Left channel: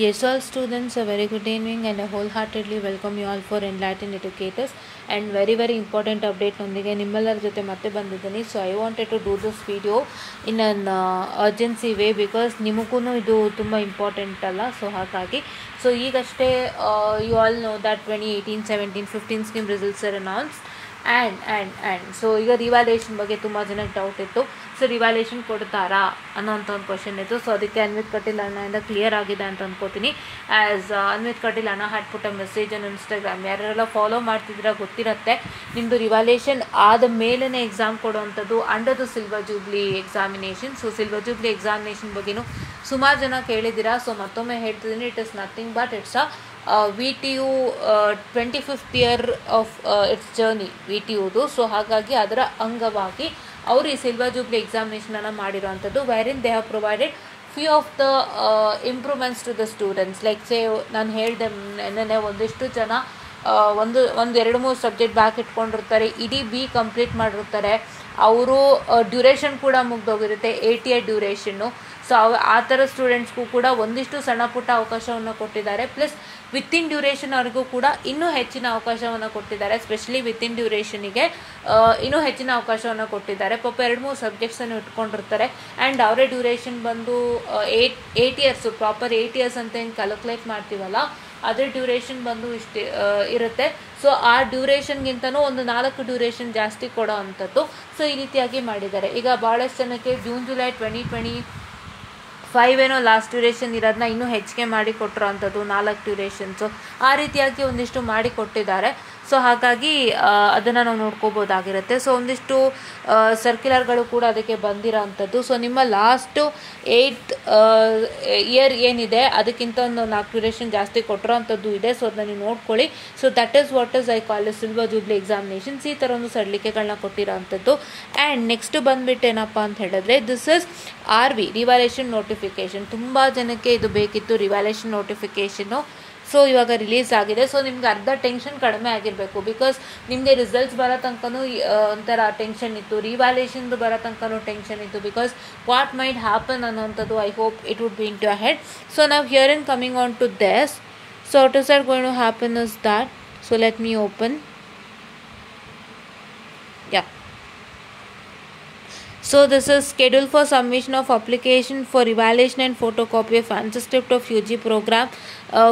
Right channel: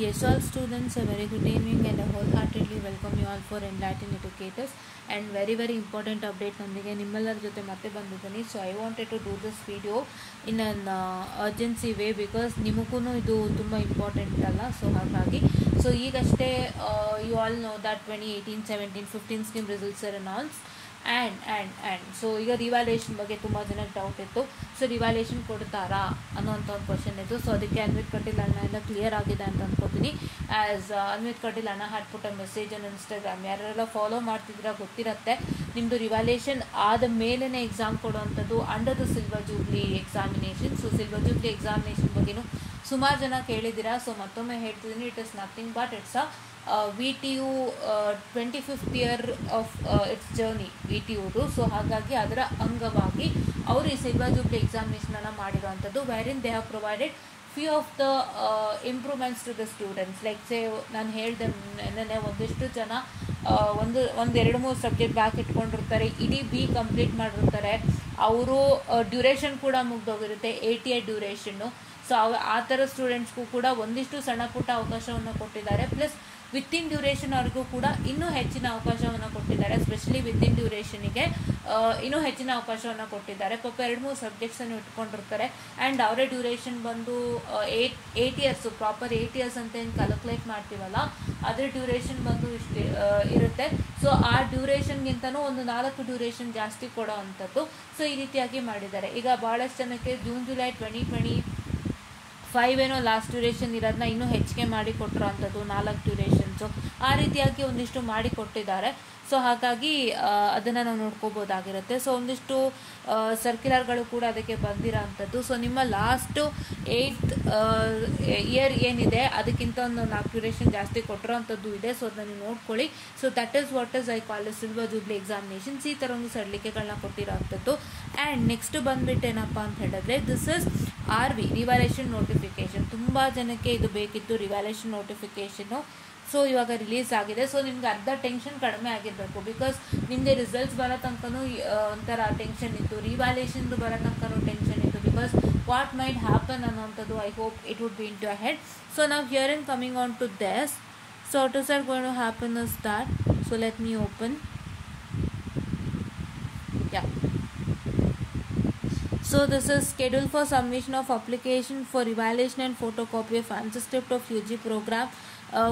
Yes, all students, a very good evening and I wholeheartedly welcome you all for Enlightened Educators and very important update ನೊಂದಿಗೆ ನಿಮ್ಮೆಲ್ಲರ ಜೊತೆ ಮತ್ತೆ ಬಂದಿದ್ದೀನಿ. So I wanted to do this video in an urgency way because ನಿಮಗೂ ಇದು ತುಂಬ important ಅಲ್ಲ. So ಹಾಗಾಗಿ ಸೊ ಈಗಷ್ಟೇ you all know that 2018-17-15 scheme results are announce and so ಈಗ ರಿವ್ಯಾಲ್ಯೂಯೇಷನ್ ಬಗ್ಗೆ ತುಂಬ ಜನಕ್ಕೆ ಡೌಟ್ ಇತ್ತು. ಸೊ ರಿವ್ಯಾಲ್ಯೂಯೇಷನ್ ಕೊಡ್ತಾರಾ ಅನ್ನೋಂಥ ಒಂದು ಕ್ವಶನ್ ಇತ್ತು. ಸೊ ಅದಕ್ಕೆ ಅನ್ವಿತ್ ಕಟೀಲ್ ಅಣ್ಣದಿಂದ ಕ್ಲಿಯರ್ ಆಗಿದೆ ಅಂತ ಅಂದ್ಕೋತೀನಿ. ಆ್ಯಸ್ ಅನ್ವಿತ್ ಕಟೀಲ್ ಅಣ್ಣ had put a message on Instagram. ಯಾರೆಲ್ಲ ಫಾಲೋ ಮಾಡ್ತಿದ್ರೆ ಗೊತ್ತಿರುತ್ತೆ, ನಿಮ್ಮದು ರಿವ್ಯಾಲ್ಯೂಯೇಷನ್ ಆದ ಮೇಲೇ ಎಕ್ಸಾಮ್ ಕೊಡುವಂಥದ್ದು under the silver jubilee examination. So silver jubilee examination ಬಗ್ಗೆಯೂ ಸುಮಾರು ಜನ ಕೇಳಿದ್ದೀರಾ. ಸೊ ಮತ್ತೊಮ್ಮೆ ಹೇಳ್ತಿದ್ದೀನಿ, it is nothing but it's a VTU 25th year of its journey VTUದು. ಸೊ ಹಾಗಾಗಿ ಅದರ ಅಂಗವಾಗಿ ಅವರು ಈ ಸಿಲ್ವರ್ ಜೂಬ್ಲಿ ಎಕ್ಸಾಮಿನೇಷನನ್ನು ಮಾಡಿರೋವಂಥದ್ದು, wherein they have provided few of the improvements to the students. Like ಸೇ ನಾನು ಹೇಳಿದೆ ನೆನ್ನೆ ಒಂದಿಷ್ಟು ಜನ ಒಂದು 2-3 ಸಬ್ಜೆಕ್ಟ್ ಬ್ಯಾಕ್ ಇಟ್ಕೊಂಡಿರ್ತಾರೆ, ಇಡೀ ಬಿ ಕಂಪ್ಲೀಟ್ ಮಾಡಿರ್ತಾರೆ, ಅವರು ಡ್ಯೂರೇಷನ್ ಕೂಡ ಮುಗ್ದೋಗಿರುತ್ತೆ, 80 ಡ್ಯೂರೇಷನ್ನು. ಸೊ ಆ ಥರ ಸ್ಟೂಡೆಂಟ್ಸ್ಗೂ ಕೂಡ ಒಂದಿಷ್ಟು ಸಣ್ಣ ಪುಟ್ಟ ಅವಕಾಶವನ್ನು ಕೊಟ್ಟಿದ್ದಾರೆ. ಪ್ಲಸ್ ವಿತಿನ್ ಡ್ಯೂರೇಷನ್ ಅವ್ರಿಗೂ ಕೂಡ ಇನ್ನೂ ಹೆಚ್ಚಿನ ಅವಕಾಶವನ್ನು ಕೊಟ್ಟಿದ್ದಾರೆ. ಸ್ಪೆಷಲಿ ವಿತಿನ್ ಡ್ಯೂರೇಷನಿಗೆ ಇನ್ನೂ ಹೆಚ್ಚಿನ ಅವಕಾಶವನ್ನು ಕೊಟ್ಟಿದ್ದಾರೆ. ಪಾಪ 2-3 ಸಬ್ಜೆಕ್ಟ್ಸನ್ನು ಇಟ್ಕೊಂಡಿರ್ತಾರೆ ಆ್ಯಂಡ್ ಅವರೇ ಡ್ಯೂರೇಷನ್ ಬಂದು 8 ಇಯರ್ಸು, ಪ್ರಾಪರ್ 8 ಇಯರ್ಸ್ ಅಂತ ಏನು ಕ್ಯಾಲ್ಕುಲೇಟ್ ಮಾಡ್ತೀವಲ್ಲ, ಅದರ ಡ್ಯೂರೇಷನ್ ಬಂದು ಇಷ್ಟು ಇರುತ್ತೆ. ಸೊ ಆ ಡ್ಯೂರೇಷನ್ಗಿಂತನೂ ಒಂದು 4 ಡ್ಯೂರೇಷನ್ ಜಾಸ್ತಿ ಕೊಡೋ ಅಂಥದ್ದು. ಸೊ ಈ ರೀತಿಯಾಗಿ ಮಾಡಿದ್ದಾರೆ. ಈಗ ಭಾಳಷ್ಟು ಜನಕ್ಕೆ ಜೂನ್-ಜುಲೈ 2025 ಏನೋ ಲಾಸ್ಟ್ ಡ್ಯೂರೇಷನ್ ಇರೋದನ್ನ ಇನ್ನೂ ಹೆಚ್ಚಿಗೆ ಮಾಡಿ ಕೊಟ್ಟಿರೋ ಅಂಥದ್ದು 4 ಡ್ಯೂರೇಷನ್ಸು. ಆ ರೀತಿಯಾಗಿ ಒಂದಿಷ್ಟು ಮಾಡಿ ಕೊಟ್ಟಿದ್ದಾರೆ. ಸೊ ಹಾಗಾಗಿ ಅದನ್ನು ನಾವು ನೋಡ್ಕೋಬೋದಾಗಿರುತ್ತೆ. ಸೊ ಒಂದಿಷ್ಟು ಸರ್ಕ್ಯುಲರ್ಗಳು ಕೂಡ ಅದಕ್ಕೆ ಬಂದಿರೋ ಅಂಥದ್ದು. ಸೊ ನಿಮ್ಮ ಲಾಸ್ಟು 8th ಇಯರ್ ಏನಿದೆ ಅದಕ್ಕಿಂತ ಒಂದು 4 ಡ್ಯೂರೇಷನ್ ಜಾಸ್ತಿ ಕೊಟ್ಟಿರೋ ಅಂಥದ್ದು ಇದೆ. ಸೊ ಅದನ್ನ ನೀವು ನೋಡ್ಕೊಳ್ಳಿ. So that is what is I call silver jubilee examinations. ಈ ಥರ ಒಂದು ಸಡಿಲಿಕೆಗಳನ್ನ ಕೊಟ್ಟಿರೋ ಅಂಥದ್ದು. ಆ್ಯಂಡ್ ನೆಕ್ಸ್ಟ್ ಬಂದುಬಿಟ್ಟು ಏನಪ್ಪ ಅಂತ ಹೇಳಿದ್ರೆ, this is RV revaluation notification. ತುಂಬ ಜನಕ್ಕೆ ಇದು ಬೇಕಿತ್ತು, ರಿವ್ಯಾಲ್ಯೂಯೇಷನ್ ನೋಟಿಫಿಕೇಷನ್ನು. ಸೊ ಇವಾಗ ರಿಲೀಸ್ ಆಗಿದೆ. ಸೊ ನಿಮ್ಗೆ ಅರ್ಧ ಟೆನ್ಷನ್ ಕಡಿಮೆ ಆಗಿರಬೇಕು. ಬಿಕಾಸ್ ನಿಮಗೆ ರಿಸಲ್ಟ್ಸ್ ಬರೋ ತನಕನೂ ಒಂಥರ ಟೆನ್ಷನ್ ಇತ್ತು, ರಿವ್ಯಾಲ್ಯೂಯೇಷನ್ದು ಬರೋ ತನಕನೂ ಟೆನ್ಷನ್ ಇತ್ತು. ಬಿಕಾಸ್ ವಾಟ್ ಮೈಟ್ ಹ್ಯಾಪನ್ ಅನ್ನೋಂಥದ್ದು I hope it would be in to head. So ನಾವು here in coming on to this. So what is are going to happen is that. So let me open. Yeah. So this is scheduled for submission of application for evaluation and photocopy of transcript of UG program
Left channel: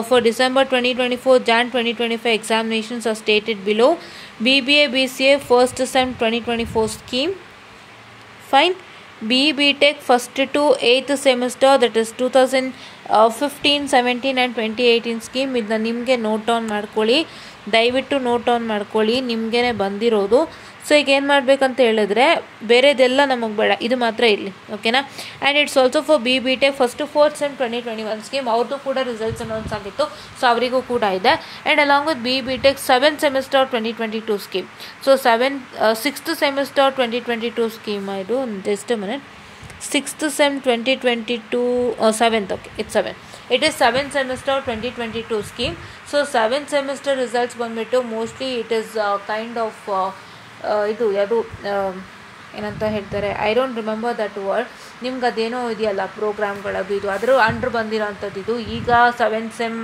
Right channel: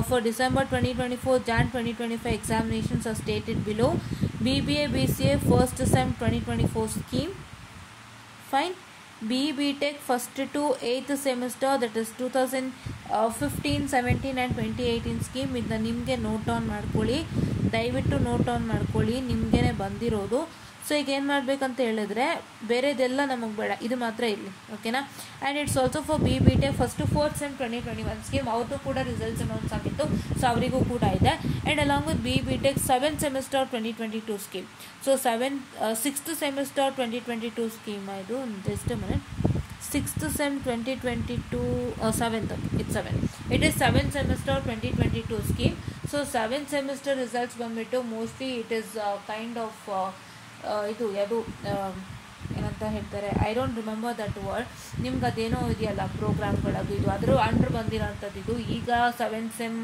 for December 2024, Jan 2025 examinations are stated below. BBA BCA first sem 2024 scheme. Fine. BE Tech first to 8th semester, that is 2015, 17 and 2018 scheme. ಇದನ್ನ ನಿಮಗೆ note on ಮಾಡ್ಕೊಳ್ಳಿ, ದಯವಿಟ್ಟು note on ಮಾಡ್ಕೊಳ್ಳಿ, ನಿಮಗೇ ಬಂದಿರೋದು. So ಈಗ ಏನು ಮಾಡಬೇಕಂತ ಹೇಳಿದ್ರೆ, ಬೇರೆದೆಲ್ಲ ನಮಗೆ ಬೇಡ, ಇದು ಮಾತ್ರ ಇರಲಿ, ಓಕೆನಾ. And it's also for BB Tech first to 4th sem 2021 scheme. ಅವ್ರದ್ದು ಕೂಡ ರಿಸಲ್ಟ್ಸ್ ಅನೌನ್ಸ್ ಆಗಿತ್ತು, ಸೊ ಅವರಿಗೂ ಕೂಡ ಇದೆ. And along with BB Tech 7th semester 2022 scheme. So 6th semester 2022 scheme. ಇದು just a minute. 6th sem 2022 7th, okay, it's 7. It is 7th semester 2022 scheme. So 7th semester results ಬಂದ್ಬಿಟ್ಟು mostly it is kind of ಇದು ಯಾವುದು ಏನಂತ ಹೇಳ್ತಾರೆ, I don't remember that word. ನಿಮ್ಗೆ ಅದೇನೋ ಇದೆಯಲ್ಲ ಪ್ರೋಗ್ರಾಮ್ಗಳದು, ಇದು ಅದರ ಅಂಡ್ರ್ ಬಂದಿರೋವಂಥದ್ದು. ಇದು ಈಗ 7th sem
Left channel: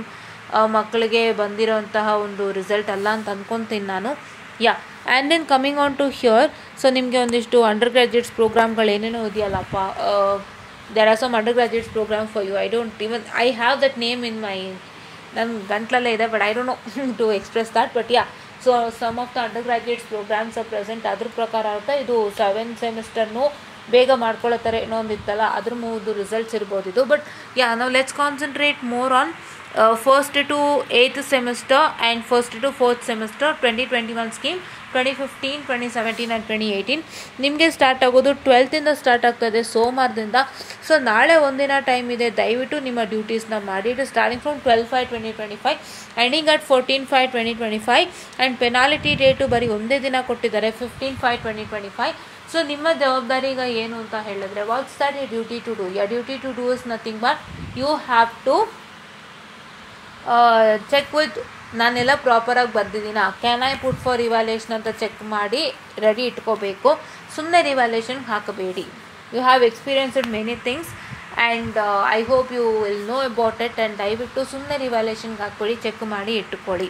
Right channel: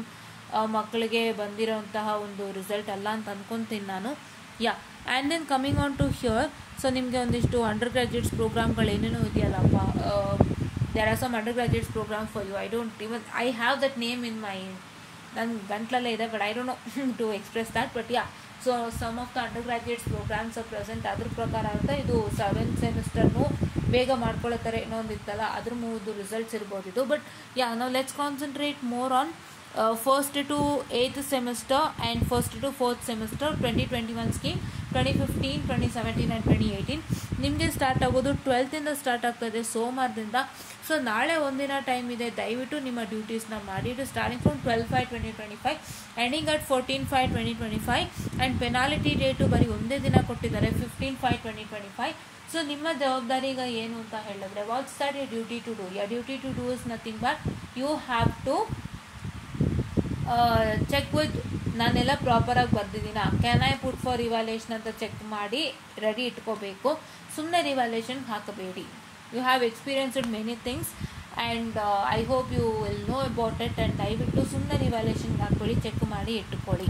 ಮಕ್ಕಳಿಗೆ ಬಂದಿರೋಂತಹ ಒಂದು ರಿಸಲ್ಟ್ ಅಲ್ಲ ಅಂತ ಅಂದ್ಕೊತೀನಿ ನಾನು. Yeah. And then coming on to here. So ನಿಮಗೆ ಒಂದಿಷ್ಟು ಅಂಡರ್ ಗ್ರ್ಯಾಜುಯೇಟ್ಸ್ ಪ್ರೋಗ್ರಾಮ್ಗಳು ಏನೇನೋ ಇದೆಯಲ್ಲಪ್ಪ, there are some undergraduates program for you. I have that name in my, ನನ್ನ ಗಂಟ್ಲಲ್ಲೇ ಇದೆ, but I don't know to express that. But yeah, so some of the undergraduates programs are present. ಅದ್ರ ಪ್ರಕಾರ ಅಂತ ಇದು 7th ಸೆಮಿಸ್ಟರ್ನು ಬೇಗ ಮಾಡ್ಕೊಳ್ಳೋ ಥರ ಏನೋ ಒಂದಿತ್ತಲ್ಲ, ಅದ್ರ ಮೂದು ರಿಸಲ್ಟ್ಸ್ ಇರ್ಬೋದು ಇದು. ಬಟ್ ಯಾ, ನಾವು let's concentrate more on first to 8th semester and first to 4th semester 2021 scheme. 2015, 2017 and 2018 ನಿಮಗೆ ಸ್ಟಾರ್ಟ್ ಆಗೋದು 12th ಇಂದ ಸ್ಟಾರ್ಟ್ ಆಗ್ತದೆ, ಸೋಮವಾರದಿಂದ. ಸೊ ನಾಳೆ ಒಂದಿನ ಟೈಮ್ ಇದೆ, ದಯವಿಟ್ಟು ನಿಮ್ಮ ಡ್ಯೂಟೀಸ್ನ ಮಾಡಿ. It starting from 12/5/2025 ending at 14/5/2025 and penalty date ಬರೀ ಒಂದೇ ದಿನ ಕೊಟ್ಟಿದ್ದಾರೆ, 15/5/2025. ಸೊ ನಿಮ್ಮ ಜವಾಬ್ದಾರಿ ಈಗ ಏನು ಅಂತ ಹೇಳಿದ್ರೆ, what's that you duty to do. Your duty to do is nothing but you have to check with, ನಾನೆಲ್ಲ ಪ್ರಾಪರಾಗಿ ಬರ್ದಿದ್ದೀನಾ, can I put for revaluation ಅಂತ ಚೆಕ್ ಮಾಡಿ ರೆಡಿ ಇಟ್ಕೋಬೇಕು. ಸುಮ್ಮನೆ ರಿವ್ಯಾಲ್ಯೂಯೇಷನ್ಗೆ ಹಾಕಬೇಡಿ. You have experienced many things and I hope you will know about it. And ದಯವಿಟ್ಟು ಸುಮ್ಮನೆ ರಿವ್ಯಾಲ್ಯೂಷನ್ಗೆ ಹಾಕ್ಕೊಳ್ಳಿ, ಚೆಕ್ ಮಾಡಿ ಇಟ್ಟುಕೊಳ್ಳಿ,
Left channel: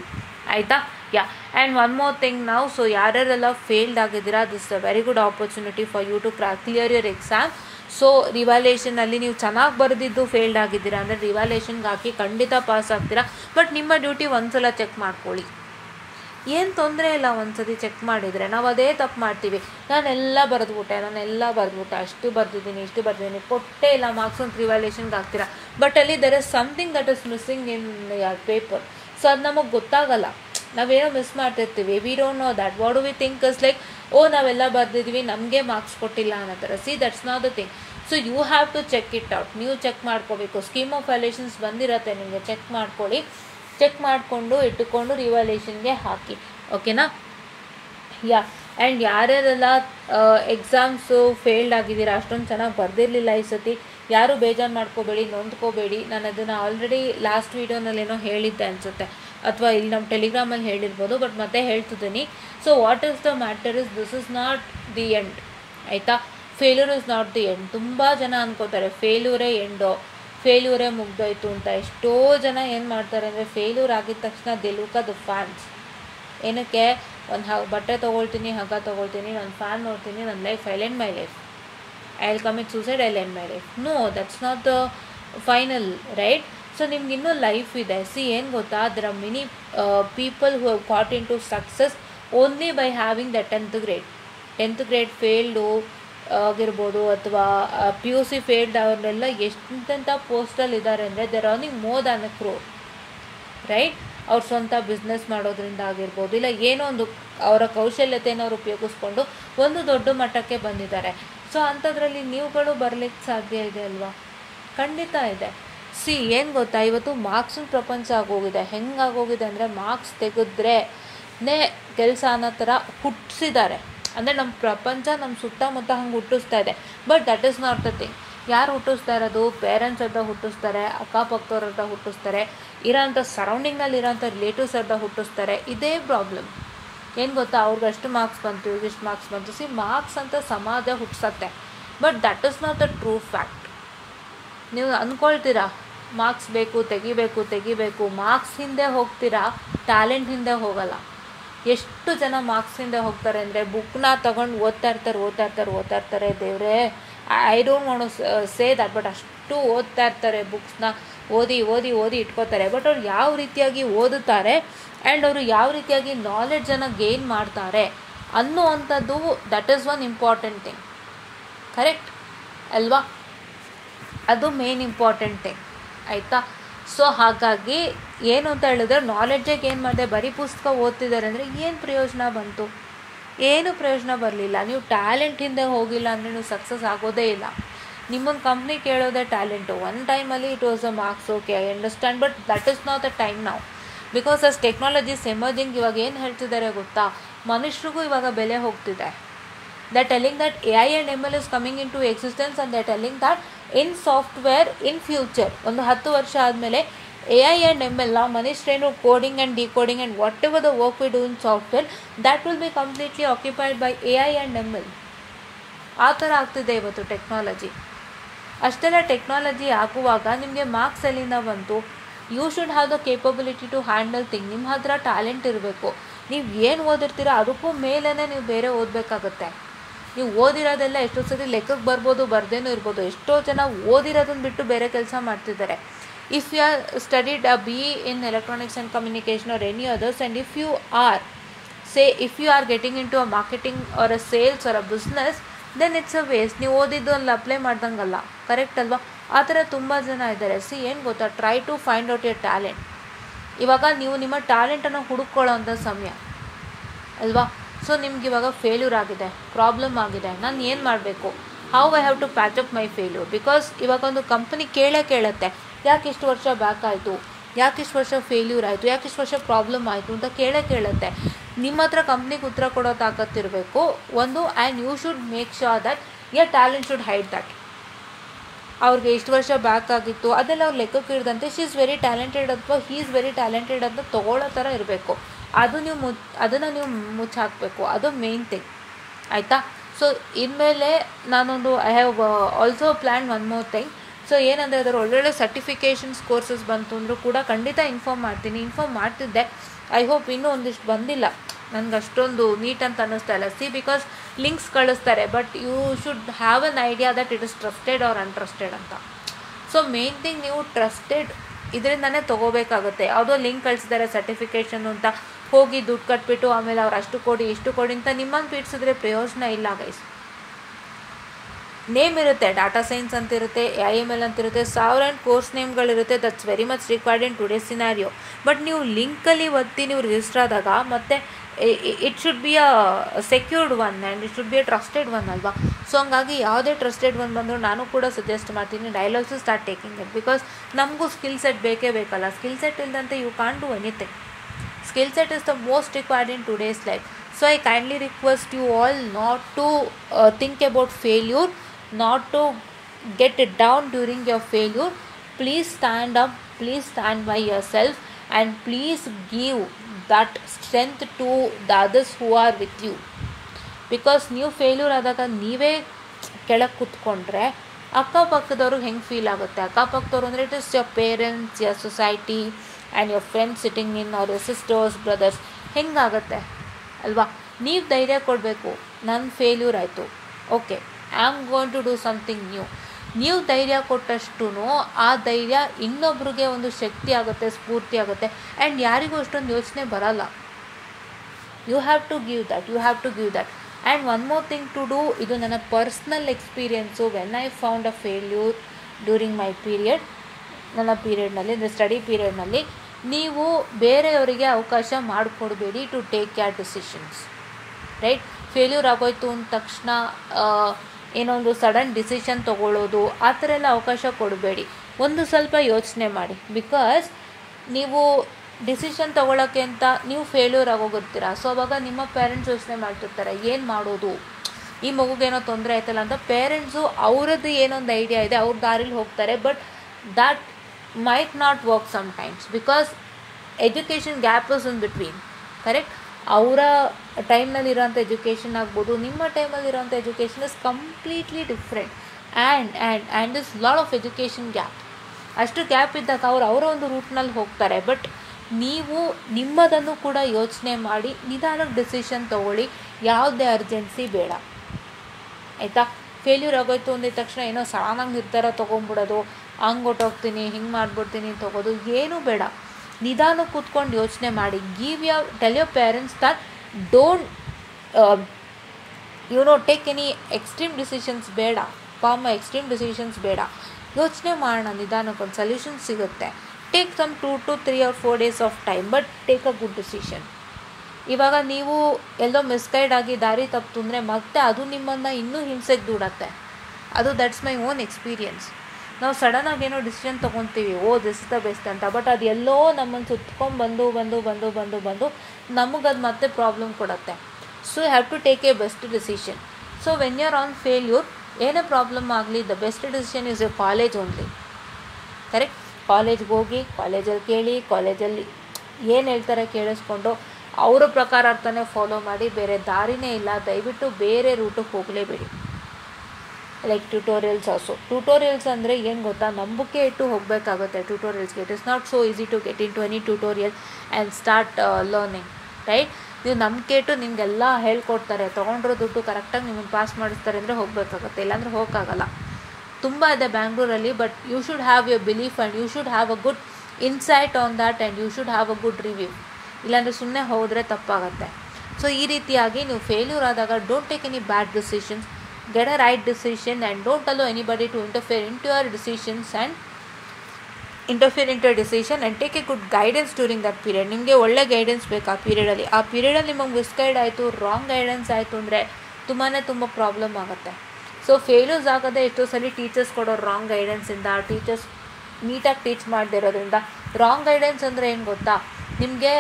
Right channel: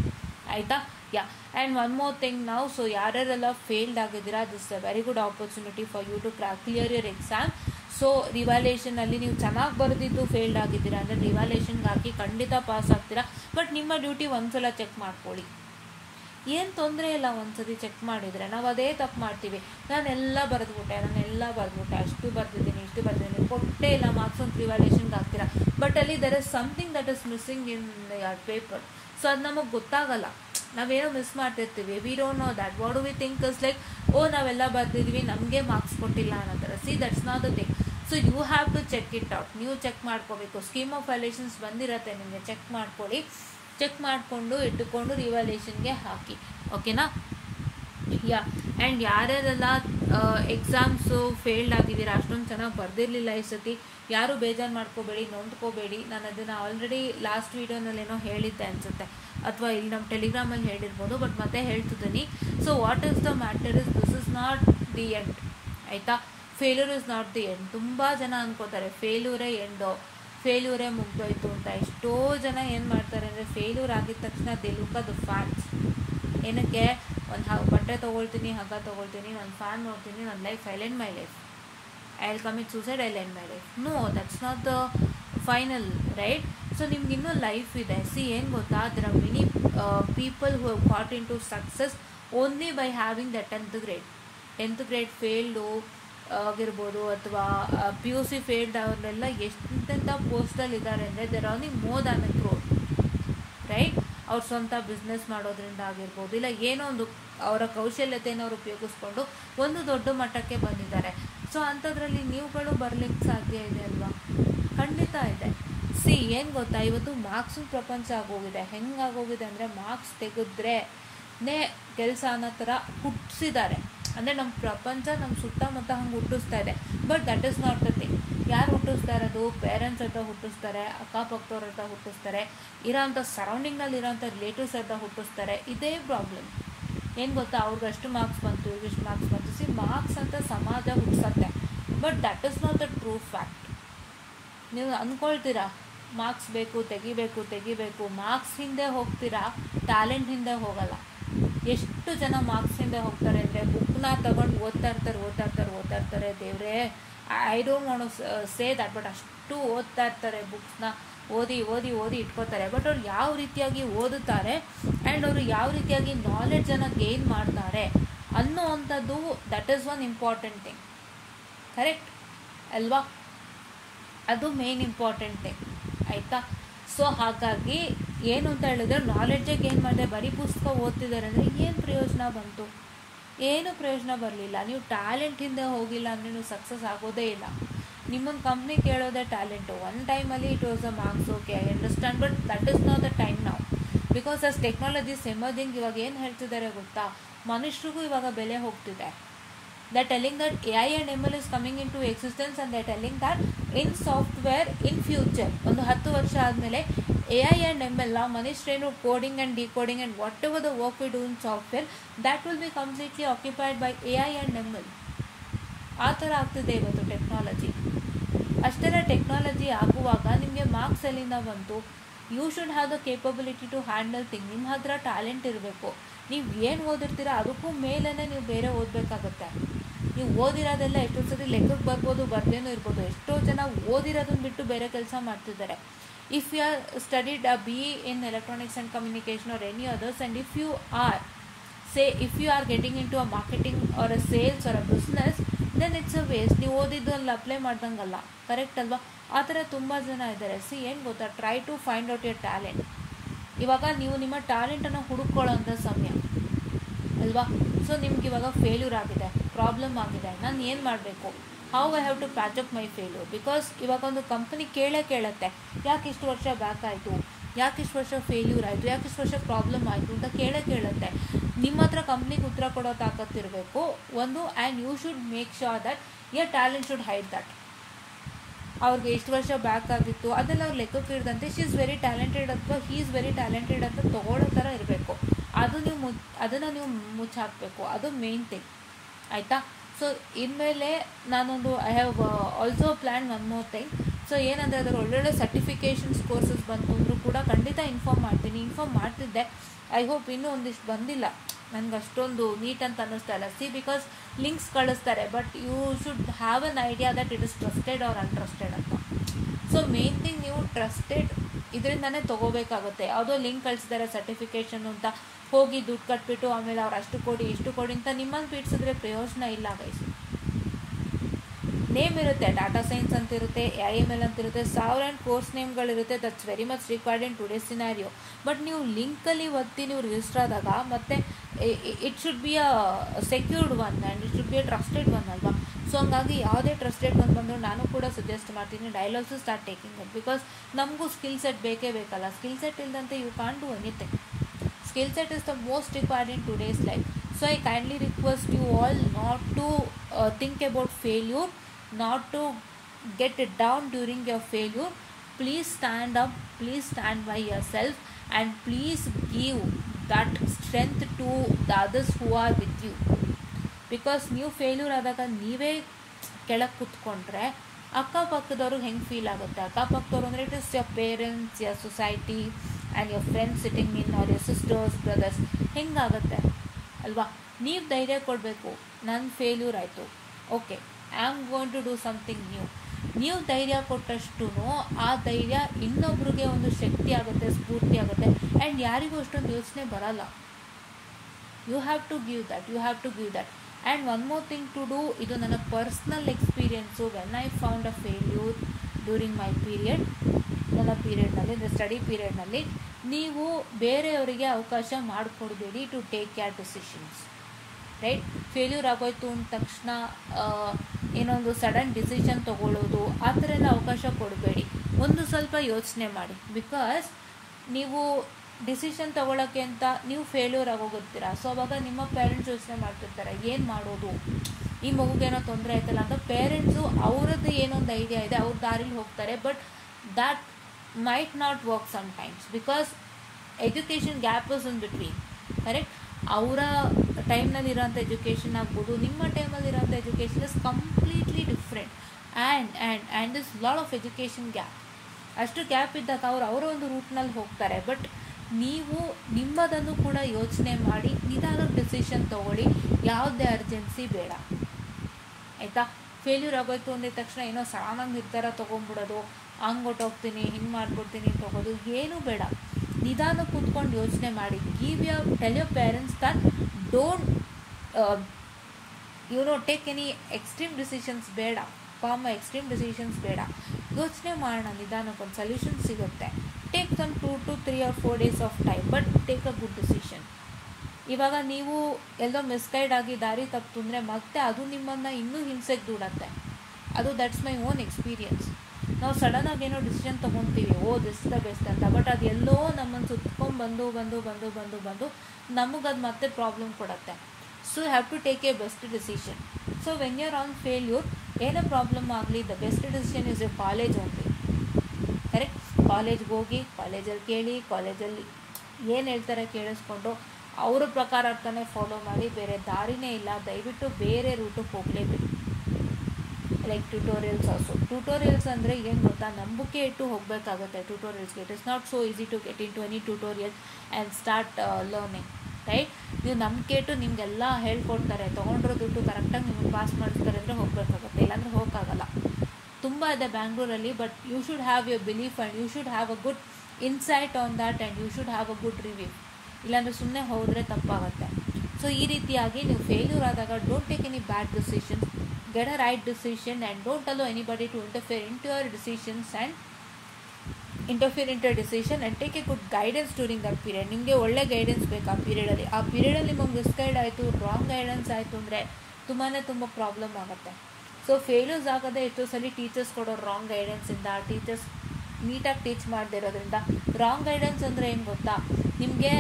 ಆಯಿತಾ. Yeah, and one more thing ನಾವು, ಸೊ ಯಾರ್ಯಾರೆಲ್ಲ ಫೇಲ್ಡ್ ಆಗಿದ್ದೀರಾ, this a very good opportunity for you to clear your exam. So ರಿವ್ಯಾಲ್ಯೂಷನಲ್ಲಿ ನೀವು ಚೆನ್ನಾಗಿ ಬರೆದಿದ್ದು ಫೇಲ್ಡ್ ಆಗಿದ್ದೀರಾ ಅಂದರೆ ರಿವ್ಯಾಲ್ಯೂಷನ್ಗೆ ಹಾಕಿ ಖಂಡಿತ ಪಾಸ್ ಆಗ್ತೀರಾ. ಬಟ್ ನಿಮ್ಮ ಡ್ಯೂಟಿ ಒಂದ್ಸಲ ಚೆಕ್ ಮಾಡ್ಕೊಳ್ಳಿ, ಏನು ತೊಂದರೆ ಇಲ್ಲ. ಒಂದ್ಸತಿ ಚೆಕ್ ಮಾಡಿದರೆ ನಾವು ಅದೇ ತಪ್ಪು ಮಾಡ್ತೀವಿ. ನಾನೆಲ್ಲ ಬರೆದ್ಬಿಟ್ಟೆ, ಅಷ್ಟು ಬರ್ದಿದ್ದೀನಿ, ಇಷ್ಟು ಬರ್ದಿದ್ದೀನಿ, ಕೊಟ್ಟೇ ಇಲ್ಲ ಮಾರ್ಕ್ಸ್ ಅಂತ ರಿವ್ಯಾಲ್ಯೂಷನ್ಗೆ ಹಾಕ್ತೀರಾ. ಬಟ್ ಅಲ್ಲಿ there is something that is missing in your paper. So ಅದು ನಮಗೆ ಗೊತ್ತಾಗಲ್ಲ, ನಾವೇನೋ ಮಿಸ್ ಮಾಡ್ತಿರ್ತೀವಿ. We don't know that. What do we think is like, oh ನಾವೆಲ್ಲ ಬರ್ದಿದ್ವಿ, ನಮಗೆ ಮಾರ್ಕ್ಸ್ ಕೊಟ್ಟಿಲ್ಲ ಅನ್ನೋ ಥರ. See, that's not the thing. So you have to check it out. ನೀವು ಚೆಕ್ ಮಾಡ್ಕೋಬೇಕು. ಸ್ಕೀಮ್ ಆಫ್ ವ್ಯಾಲ್ಯೂಷನ್ಸ್ ಬಂದಿರತ್ತೆ ನಿಮಗೆ, ಚೆಕ್ ಮಾಡ್ಕೊಳ್ಳಿ. ಚೆಕ್ ಮಾಡಿಕೊಂಡು ಇಟ್ಟುಕೊಂಡು ರಿವ್ಯಾಲ್ಯೂಷನ್ಗೆ ಹಾಕಿ, ಓಕೆನಾ. ಯಾ, ಆ್ಯಂಡ್ ಯಾರ್ಯಾರೆಲ್ಲ ಎಕ್ಸಾಮ್ಸು ಫೇಲ್ಡ್ ಆಗಿದ್ದೀರಾ, ಅಷ್ಟೊಂದು ಚೆನ್ನಾಗಿ ಬರೆದಿರಲಿಲ್ಲ ಈ ಸತಿ, ಯಾರೂ ಬೇಜಾರು ಮಾಡ್ಕೋಬೇಡಿ, ನೊಂದ್ಕೋಬೇಡಿ. ನಾನು ಅದನ್ನು ಆಲ್ರೆಡಿ ಲಾಸ್ಟ್ ವೀಡಿಯೋನಲ್ಲೇನೋ ಹೇಳಿದ್ದೆ ಅನಿಸುತ್ತೆ, ಅಥವಾ ಇಲ್ಲಿ ನಮ್ಮ ಟೆಲಿಗ್ರಾಮಲ್ಲಿ ಹೇಳಿರ್ಬೋದು, ಬಟ್ ಮತ್ತೆ ಹೇಳ್ತಿದ್ದೀನಿ. So what is the matter is, this is not the end, ಆಯಿತಾ. Failure is not the end. ತುಂಬ ಜನ ಅನ್ಕೋತಾರೆ ಫೇಲ್ಯೂರೇ ಫೇಲ್ಯೂರೇ ಮುಗ್ದೋಯ್ತು ಅಂತ. ಎಷ್ಟೋ ಜನ ಏನು ಮಾಡ್ತಾರೆ ಅಂದರೆ, ಫೇಲ್ಯೂರ್ ಆಗಿದ ತಕ್ಷಣ they look at the fans. ಏನಕ್ಕೆ, ಒಂದು ಬಟ್ಟೆ ತೊಗೊಳ್ತೀನಿ, ಹಗ್ಗ ತೊಗೊಳ್ತೀನಿ, ನಾನು ಫ್ಯಾನ್ ನೋಡ್ತೀನಿ, ನನ್ನ life I end my life, I will commit suicide, I will end my life. No, that's not the final, right. So ನಿಮ್ಗೆ ಇನ್ನೂ ಲೈಫ್ ಇದೆ. ಸಿ, ಏನು ಗೊತ್ತಾ, there are many people who have got in to success only by having the 10th grade failed ಆಗಿರ್ಬೋದು, ಅಥವಾ PUC failed ಅವರೆಲ್ಲ ಎಷ್ಟೆಂಥ ಪೋಸ್ಟಲ್ಲಿ ಇದ್ದಾರೆ ಅಂದರೆ, they're earning more than a crore, right. ಅವ್ರ ಸ್ವಂತ ಬಿಸ್ನೆಸ್ ಮಾಡೋದ್ರಿಂದ ಆಗಿರ್ಬೋದು, ಇಲ್ಲ ಏನೋ ಒಂದು ಅವರ ಕೌಶಲ್ಯತೆಯನ್ನು ಅವ್ರು ಉಪಯೋಗಿಸ್ಕೊಂಡು ಒಂದು ದೊಡ್ಡ ಮಟ್ಟಕ್ಕೆ ಬಂದಿದ್ದಾರೆ. ಸೊ ಅಂಥದ್ರಲ್ಲಿ ನೀವುಗಳು ಬರಲಿಕ್ಕೆ ಸಾಧ್ಯ ಇದೆ ಅಲ್ವಾ? ಖಂಡಿತ ಇದೆ. ಸಿ, ಏನು ಗೊತ್ತಾ, ಇವತ್ತು ಮಾರ್ಕ್ಸಿನ ಪ್ರಪಂಚ ಆಗೋಗಿದೆ. ಹೆಂಗಾಗೋಗಿದೆ ಅಂದರೆ, ಮಾರ್ಕ್ಸ್ ತೆಗೆದ್ರೇ ಕೆಲಸ ಅನ್ನೋ ಥರ ಹುಟ್ಟಿಸಿದ್ದಾರೆ. ಅಂದರೆ ನಮ್ಮ ಪ್ರಪಂಚ ನಮ್ಮ ಸುತ್ತಮುತ್ತ ಹಂಗೆ ಹುಟ್ಟಿಸ್ತಾ ಇದೆ. But that is not the thing. ಯಾರು ಹುಟ್ಟಿಸ್ತಾ ಇರೋದು? ಪೇರೆಂಟ್ಸ್ ಅಂತ ಹುಟ್ಟಿಸ್ತಾರೆ, ಅಕ್ಕಪಕ್ಕದವ್ರ ಅಂತ ಹುಟ್ಟಿಸ್ತಾರೆ, ಇರೋಂಥ ಸರೌಂಡಿಂಗ್ನಲ್ಲಿ ಇರೋಂಥ ರಿಲೇಟಿವ್ಸ್ ಅಂತ ಹುಟ್ಟಿಸ್ತಾರೆ. ಇದೇ ಪ್ರಾಬ್ಲಮ್. ಏನು ಗೊತ್ತಾ, ಅವ್ರಿಗೆ ಅಷ್ಟು ಮಾರ್ಕ್ಸ್ ಬಂತು, ಇವಿಷ್ಟು ಮಾರ್ಕ್ಸ್ ಬಂತು. ಸಿ, ಮಾರ್ಕ್ಸ್ ಅಂತ ಸಮಾಜ ಹುಟ್ಟಿಸತ್ತೆ, but that is not the true fact. ನೀವು ಅಂದ್ಕೊಳ್ತೀರಾ ಮಾರ್ಕ್ಸ್ ಬೇಕು, ತೆಗಿಬೇಕು, ಮಾರ್ಕ್ಸ್ ಹಿಂದೆ ಹೋಗ್ತೀರಾ, ಟ್ಯಾಲೆಂಟ್ ಹಿಂದೆ ಹೋಗಲ್ಲ. ಎಷ್ಟು ಜನ ಮಾರ್ಕ್ಸ್ ಹಿಂದೆ ಹೋಗ್ತಾರೆ ಅಂದರೆ, ಬುಕ್ನ ತಗೊಂಡು ಓದ್ತಾ ಇರ್ತಾರೆ. ದೇವ್ರೇ, I don't want to say that, but ಅಷ್ಟು ಓದ್ತಾ ಇರ್ತಾರೆ. ಬುಕ್ಸ್ನ ಓದಿ ಇಟ್ಕೋತಾರೆ. ಬಟ್ ಅವ್ರು ಯಾವ ರೀತಿಯಾಗಿ ಓದುತ್ತಾರೆ ಆ್ಯಂಡ್ ಅವರು ಯಾವ ರೀತಿಯಾಗಿ ನಾಲೆಡ್ಜನ್ನು ಗೇನ್ ಮಾಡ್ತಾರೆ ಅನ್ನೋವಂಥದ್ದು, that is one important thing. Correct ಅಲ್ವಾ? ಅದು ಮೇನ್ ಇಂಪಾರ್ಟೆಂಟ್ ಥಿಂಗ್, ಆಯಿತಾ. ಸೊ ಹಾಗಾಗಿ ಏನು ಅಂತ ಹೇಳಿದ್ರೆ, ನಾಲೆಡ್ಜಿಗೆ ಏನು ಮಾಡಿದೆ, ಬರೀ ಪುಸ್ತಕ ಓದ್ತಿದ್ದಾರೆ ಅಂದರೆ ಏನು ಪ್ರಯೋಜನ ಬಂತು? ಏನು ಪ್ರಯೋಜನ ಬರಲಿಲ್ಲ. ನೀವು ಟ್ಯಾಲೆಂಟ್ ಹಿಂದೆ ಹೋಗಿಲ್ಲ ಅಂದರೆ ನೀವು ಸಕ್ಸಸ್ ಆಗೋದೇ ಇಲ್ಲ. ನಿಮ್ಮೊಂದು ಕಂಪ್ನಿ ಕೇಳೋದೇ ಟ್ಯಾಲೆಂಟು. ಒನ್ ಟೈಮಲ್ಲಿ it was a marks, okay, I understand, but that is not the time ನಾವು. Because us technologies emerging. ಇವಾಗ ಏನು ಹೇಳ್ತಿದ್ದಾರೆ ಗೊತ್ತಾ, ಮನುಷ್ಯರಿಗೂ ಇವಾಗ ಬೆಲೆ ಹೋಗ್ತಿದೆ. They're telling that AI and ML is coming into existence, and they're telling that in software in future, ಒಂದು 10 ವರ್ಷ ಆದಮೇಲೆ AI and ML, ನಾವು ಮನುಷ್ಯರೇನು coding and decoding and whatever the work we do in software, that will be completely occupied by AI and ML. ಆ ಥರ ಆಗ್ತಿದೆ ಇವತ್ತು technology. ಅಷ್ಟೆಲ್ಲ ಟೆಕ್ನಾಲಜಿ ಆಗುವಾಗ ನಿಮಗೆ ಮಾರ್ಕ್ಸ್ ಎಲ್ಲಿಂದ ಬಂತು? You should have the capability to handle thing. ನಿಮ್ಮ ಹತ್ರ ಟ್ಯಾಲೆಂಟ್ ಇರಬೇಕು. ನೀವು ಏನು ಓದಿರ್ತೀರ ಅದಕ್ಕೂ ಮೇಲೇ ನೀವು ಬೇರೆ ಓದಬೇಕಾಗತ್ತೆ. ನೀವು ಓದಿರೋದೆಲ್ಲ ಎಷ್ಟೋ ಸರಿ ಲೆಕ್ಕಕ್ಕೆ ಬರ್ಬೋದು, ಬರ್ದೇನೂ ಇರ್ಬೋದು. ಎಷ್ಟೋ ಜನ ಓದಿರೋದನ್ನು ಬಿಟ್ಟು ಬೇರೆ ಕೆಲಸ ಮಾಡ್ತಿದ್ದಾರೆ. If you are studied a BE in electronics and communication or any others, and if you are getting into a marketing or a sales or a business, then it's a waste. ನೀವು ಓದಿದ್ದು ಅಲ್ಲಿ apply ಮಾಡ್ದಂಗಲ್ಲ. Correct ಅಲ್ವಾ? ಆ ಥರ ತುಂಬ ಜನ ಇದ್ದಾರೆ. See, ಏನು ಗೊತ್ತಾ, try to find out your talent. ಇವಾಗ ನೀವು ನಿಮ್ಮ ಟ್ಯಾಲೆಂಟನ್ನು ಹುಡುಕೊಳ್ಳೋ ಅಂಥ ಸಮಯ ಅಲ್ವಾ? ಸೊ ನಿಮ್ಗೆ ಇವಾಗ ಫೇಲ್ಯೂರ್ ಆಗಿದೆ, ಪ್ರಾಬ್ಲಮ್ ಆಗಿದೆ, ನಾನು ಏನು ಮಾಡಬೇಕು? How I have to patch up my failure? Because ಇವಾಗ ಒಂದು ಕಂಪನಿ ಕೇಳುತ್ತೆ, ಯಾಕೆ ಇಷ್ಟು ವರ್ಷ ಬ್ಯಾಕ್ ಆಯಿತು, ಯಾಕೆ ಇಷ್ಟು ವರ್ಷ ಫೇಲ್ಯೂರ್ ಆಯಿತು, ಯಾಕೆ ಇಷ್ಟು ವರ್ಷ ಪ್ರಾಬ್ಲಮ್ ಆಯಿತು ಅಂತ ಕೇಳುತ್ತೆ. ನಿಮ್ಮ ಹತ್ರ ಕಂಪ್ನಿಗೆ ಉತ್ತರ ಕೊಡೋ ತಾಕತ್ತಿರಬೇಕು ಒಂದು. And you should make sure that your talent should hide that. ಅವ್ರಿಗೆ ಇಷ್ಟು ವರ್ಷ ಬ್ಯಾಕ್ ಆಗಿತ್ತು ಅದೆಲ್ಲ ಅವ್ರು ಲೆಕ್ಕಕ್ಕೆ ಇಡ್ದಂತೆ ಶಿ ಈಸ್ ವೆರಿ ಟ್ಯಾಲೆಂಟೆಡ್ ಅಥವಾ ಹೀ ಈಸ್ ವೆರಿ ಟ್ಯಾಲೆಂಟೆಡ್ ಅಂತ ತೊಗೊಳ್ಳೋ ಥರ ಇರಬೇಕು. ಅದನ್ನು ನೀವು ಮುಚ್ಚಿ ಹಾಕಬೇಕು. ಅದು ಮೇನ್ ಥಿಂಗ್, ಆಯಿತಾ? ಸೊ ಇನ್ಮೇಲೆ ನಾನೊಂದು I have also plan one more thing. So so ಏನಂದರೆ ಅದರ ಒಳ್ಳೊಳ್ಳೆ ಸರ್ಟಿಫಿಕೇಷನ್ಸ್ ಕೋರ್ಸಸ್ ಬಂತು ಅಂದರೂ ಕೂಡ ಖಂಡಿತ ಇನ್ಫಾರ್ಮ್ ಮಾಡ್ತಿದ್ದೆ. ಐ ಹೋಪ್ ಇನ್ನೂ ಒಂದಿಷ್ಟು ಬಂದಿಲ್ಲ, ನನಗೆ ಅಷ್ಟೊಂದು ನೀಟ್ ಅಂತ ಅನ್ನಿಸ್ತಾ ಇಲ್ಲ. ಬಿಕಾಸ್ ಲಿಂಕ್ಸ್ ಕಳಿಸ್ತಾರೆ, but you should have an idea that it is trusted or untrusted ಅಂತ. ಸೊ ಮೇನ್ ಥಿಂಗ್ ನೀವು ಟ್ರಸ್ಟೆಡ್ ಇದರಿಂದನೇ ತೊಗೋಬೇಕಾಗುತ್ತೆ. ಯಾವುದೋ ಲಿಂಕ್ ಕಳಿಸಿದ್ದಾರೆ ಸರ್ಟಿಫಿಕೇಷನ್ ಅಂತ ಹೋಗಿ ದುಡ್ಡು ಕಟ್ಬಿಟ್ಟು ಆಮೇಲೆ ಅವ್ರು ಅಷ್ಟು ಕೊಡಿ ಇಷ್ಟು ಕೊಡಿ ಅಂತ ನಿಮ್ಮನ್ನು ಪೀಡಿಸಿದ್ರೆ ಪ್ರಯೋಜನ ಇಲ್ಲ ಗೈಸ್. ನೇಮ್ ಇರುತ್ತೆ, ಡಾಟಾ ಸೈನ್ಸ್ ಅಂತ ಇರುತ್ತೆ, IML ಅಂತ ಇರುತ್ತೆ, ಸಾವಿರಾರು ಕೋರ್ಸ್ ನೇಮ್ಗಳಿರುತ್ತೆ. That's very much required in today scenario. But ನೀವು ಲಿಂಕಲ್ಲಿ ಒತ್ತಿ ನೀವು ರಿಜಿಸ್ಟರ್ ಆದಾಗ ಮತ್ತೆ it should be a secured one and it should be a trusted one ಅಲ್ವಾ. ಸೊ ಹಂಗಾಗಿ ಯಾವುದೇ ಟ್ರಸ್ಟೆಡ್ ಒನ್ ಬಂದರೂ ನಾನು ಕೂಡ ಸಜೆಸ್ಟ್ ಮಾಡ್ತೀನಿ, I also start taking it. Because ನಮಗೂ ಸ್ಕಿಲ್ ಸೆಟ್ ಬೇಕೇ ಬೇಕಲ್ಲ. ಸ್ಕಿಲ್ ಸೆಟ್ ಇಲ್ಲದಂತೆ you can't do anything. Skill set is the most required in today's life. So I kindly request you all not to think about failure, not to get it down during your failure. Please stand up, please stand by yourself, and please give that strength to the others who are with you. Because ನೀವು failure ಆದಾಗ ನೀವೇ ಕೆಳಗೆ ಕೂತ್ಕೊಂಡ್ರೆ ಅಕ್ಕಪಕ್ಕದವ್ರಿಗೆ ಹೆಂಗೆ feel ಆಗುತ್ತೆ? ಅಕ್ಕಪಕ್ಕದವ್ರು ಅಂದರೆ it is your parents, your society and your friends sitting in ಅವ್ರ sisters brothers ಹೆಂಗಾಗುತ್ತೆ ಅಲ್ವಾ. ನೀವು ಧೈರ್ಯ ಕೊಡಬೇಕು, ನನ್ನ ಫೇಲ್ಯೂರ್ ಆಯಿತು, okay I am going to do something new. ನೀವು ಧೈರ್ಯ ಕೊಟ್ಟಷ್ಟು ಆ ಧೈರ್ಯ ಇನ್ನೊಬ್ರಿಗೆ ಒಂದು ಶಕ್ತಿ ಆಗುತ್ತೆ, ಸ್ಫೂರ್ತಿ ಆಗುತ್ತೆ. ಆ್ಯಂಡ್ ಯಾರಿಗೂ ಅಷ್ಟೊಂದು ಯೋಚನೆ ಬರಲ್ಲ. You have to give that. And one more thing to do, ಇದು ನನ್ನ personal experience. When I found a failure during my period, ನನ್ನ ಪೀರಿಯಡ್ನಲ್ಲಿ ಅಂದರೆ ಸ್ಟಡಿ ಪೀರಿಯಡ್ನಲ್ಲಿ, ನೀವು ಬೇರೆಯವರಿಗೆ ಅವಕಾಶ ಮಾಡಿಕೊಡ್ಬೇಡಿ to take care decisions, right. Failure ಆಗೋಯ್ತು ಅಂದ ತಕ್ಷಣ ಏನೋ ಒಂದು ಸಡನ್ ಡಿಸಿಷನ್ ತೊಗೊಳ್ಳೋದು ಆ ಥರ ಎಲ್ಲ ಅವಕಾಶ ಕೊಡಬೇಡಿ. ಒಂದು ಸ್ವಲ್ಪ ಯೋಚನೆ ಮಾಡಿ. ಬಿಕಾಸ್ ನೀವು ಡಿಸಿಷನ್ ತೊಗೊಳಕ್ಕೆ ಅಂತ ನೀವು ಫೇಲ್ಯೂರ್ ಆಗೋಗಿರ್ತೀರ. ಸೊ ಅವಾಗ ನಿಮ್ಮ ಪೇರೆಂಟ್ಸ್ ಯೋಚನೆ ಮಾಡ್ತಿರ್ತಾರೆ, ಏನು ಮಾಡೋದು, ಈ ಮಗುಗೇನೋ ತೊಂದರೆ ಆಯ್ತಲ್ಲ ಅಂತ. ಪೇರೆಂಟ್ಸು ಅವರದ್ದು ಏನೊಂದು ಐಡಿಯಾ ಇದೆ, ಅವ್ರ ದಾರಿಲಿ ಹೋಗ್ತಾರೆ. But that might not work sometimes because education gap is in between, correct. ಅವರ ಟೈಮ್ನಲ್ಲಿರೋಂಥ ಎಜುಕೇಷನ್ ಆಗ್ಬೋದು, ನಿಮ್ಮ ಟೈಮಲ್ಲಿರೋಂಥ education is completely different. And is lot of education gap. ಅಷ್ಟು ಗ್ಯಾಪ್ ಇದ್ದಾಗ ಅವರ ಒಂದು ರೂಟ್ನಲ್ಲಿ ಹೋಗ್ತಾರೆ. ಬಟ್ ನೀವು ನಿಮ್ಮದನ್ನು ಕೂಡ ಯೋಚನೆ ಮಾಡಿ ನಿಧಾನಕ್ಕೆ ಡಿಸಿಷನ್ ತೊಗೊಳ್ಳಿ. ಯಾವುದೇ ಅರ್ಜೆನ್ಸಿ ಬೇಡ, ಆಯಿತಾ. ಫೇಲ್ಯೂರ್ ಆಗೋಯ್ತು ಅಂದಿದ ತಕ್ಷಣ ಏನೋ ಸಡನ್ನಾಗಿ ನಿರ್ಧಾರ ತೊಗೊಂಡ್ಬಿಡೋದು, ಹಂಗೆ ಹೊಟ್ಟೋಗ್ತೀನಿ, ಹಿಂಗೆ ಮಾಡಿಬಿಡ್ತೀನಿ ತೊಗೋದು ಏನೂ ಬೇಡ. ನಿಧಾನ ಕೂತ್ಕೊಂಡು ಯೋಚನೆ ಮಾಡಿ. Tell your parents that don't take any extreme decisions ಬೇಡ, ಎಕ್ಸ್ಟ್ರೀಮ್ ಡಿಸಿಷನ್ಸ್ ಬೇಡ. ಯೋಚನೆ ಮಾಡೋಣ, ನಿಧಾನಕ್ಕೊಂದು ಸೊಲ್ಯೂಷನ್ ಸಿಗುತ್ತೆ. Take some 2 to 3 or 4 days of time, but take a good decision. ಇವಾಗ ನೀವು ಎಲ್ಲೋ ಮಿಸ್ಗೈಡ್ ಆಗಿ ದಾರಿ ತಪ್ಪು ಅಂದರೆ ಮತ್ತೆ ಅದು ನಿಮ್ಮನ್ನು ಇನ್ನೂ ಹಿಂಸೆಗೆ ದೂಡತ್ತೆ. That's my own experience. ನಾವು ಸಡನ್ನಾಗಿ ಏನೋ ಡಿಸಿಷನ್ ತೊಗೊತೀವಿ, ದಿಸ್ ದ ಬೆಸ್ಟ್ ಅಂತ. ಬಟ್ ಅದು ಎಲ್ಲೋ ನಮ್ಮನ್ನು ಸುತ್ಕೊಂಡು ಬಂದು ನಮಗದು ಮತ್ತೆ ಪ್ರಾಬ್ಲಮ್ ಕೊಡುತ್ತೆ. So you have to take a best decision. So when you are on failure, ಏನೇ ಪ್ರಾಬ್ಲಮ್ ಆಗಲಿ, the best decision is your college only, correct. ಕಾಲೇಜ್ಗೆ ಹೋಗಿ, ಕಾಲೇಜಲ್ಲಿ ಕೇಳಿ, ಕಾಲೇಜಲ್ಲಿ ಏನು ಹೇಳ್ತಾರೆ ಕೇಳಿಸ್ಕೊಂಡು ಅವರ ಪ್ರಕಾರ ಅರ್ಥನೇ ಫಾಲೋ ಮಾಡಿ. ಬೇರೆ ದಾರಿನೇ ಇಲ್ಲ. ದಯವಿಟ್ಟು ಬೇರೆ ರೂಟಿಗೆ ಹೋಗಲೇಬೇಡಿ. ಲೈಕ್ ಟ್ಯೂಟೋರಿಯಲ್ಸ್ ಅಂದರೆ ಏನು ಗೊತ್ತಾ, ನಂಬಿಕೆ ಇಟ್ಟು ಹೋಗಬೇಕಾಗುತ್ತೆ ಟ್ಯೂಟೋರಿಯಲ್ಸ್ಗೆ. It is not so easy to get in to any tutorial and start learning, right. ನೀವು ನಂಬಿಕೆ ಇಟ್ಟು ನಿಮಗೆಲ್ಲ ಹೇಳ್ಕೊಡ್ತಾರೆ, ತೊಗೊಂಡ್ರೋ ದುಡ್ಡು ಕರೆಕ್ಟಾಗಿ ನಿಮಗೆ ಪಾಸ್ ಮಾಡಿಸ್ತಾರೆ ಅಂದರೆ ಹೋಗಬೇಕಾಗುತ್ತೆ, ಇಲ್ಲಾಂದರೆ ಹೋಗೋಕ್ಕಾಗಲ್ಲ. ತುಂಬ ಇದೆ ಬ್ಯಾಂಗ್ಳೂರಲ್ಲಿ. But you should have your belief and you should have a good insight on that and you should have a good review. ಇಲ್ಲಾಂದರೆ ಸುಮ್ಮನೆ ಹೋದರೆ ತಪ್ಪಾಗತ್ತೆ. ಸೊ ಈ ರೀತಿಯಾಗಿ ನೀವು ಫೇಲ್ಯೂರ್ ಆದಾಗ don't take any bad decisions, get a right decision and don't allow anybody to interfere into your decisions and take a good guidance during that period. ನಿಮಗೆ ಒಳ್ಳೆ guidance ಬೇಕು ಆ ಪೀರಿಯಡಲ್ಲಿ ನಿಮಗೆ ಮಿಸ್ಗೈಡ್ ಆಯಿತು, ರಾಂಗ್ ಗೈಡೆನ್ಸ್ ಆಯಿತು ಅಂದರೆ ತುಂಬ ಪ್ರಾಬ್ಲಮ್ ಆಗುತ್ತೆ. ಸೊ ಫೇಲ್ಯೂರ್ಸ್ ಆಗೋದೇ ಎಷ್ಟೋ ಸಲ ಟೀಚರ್ಸ್ ಕೊಡೋ ರಾಂಗ್ ಗೈಡೆನ್ಸಿಂದ, ಟೀಚರ್ಸ್ ನೀಟಾಗಿ ಟೀಚ್ ಮಾಡದೇ ಇರೋದ್ರಿಂದ. ರಾಂಗ್ ಗೈಡೆನ್ಸ್ ಅಂದರೆ ಏನು ಗೊತ್ತಾ, ನಿಮಗೆ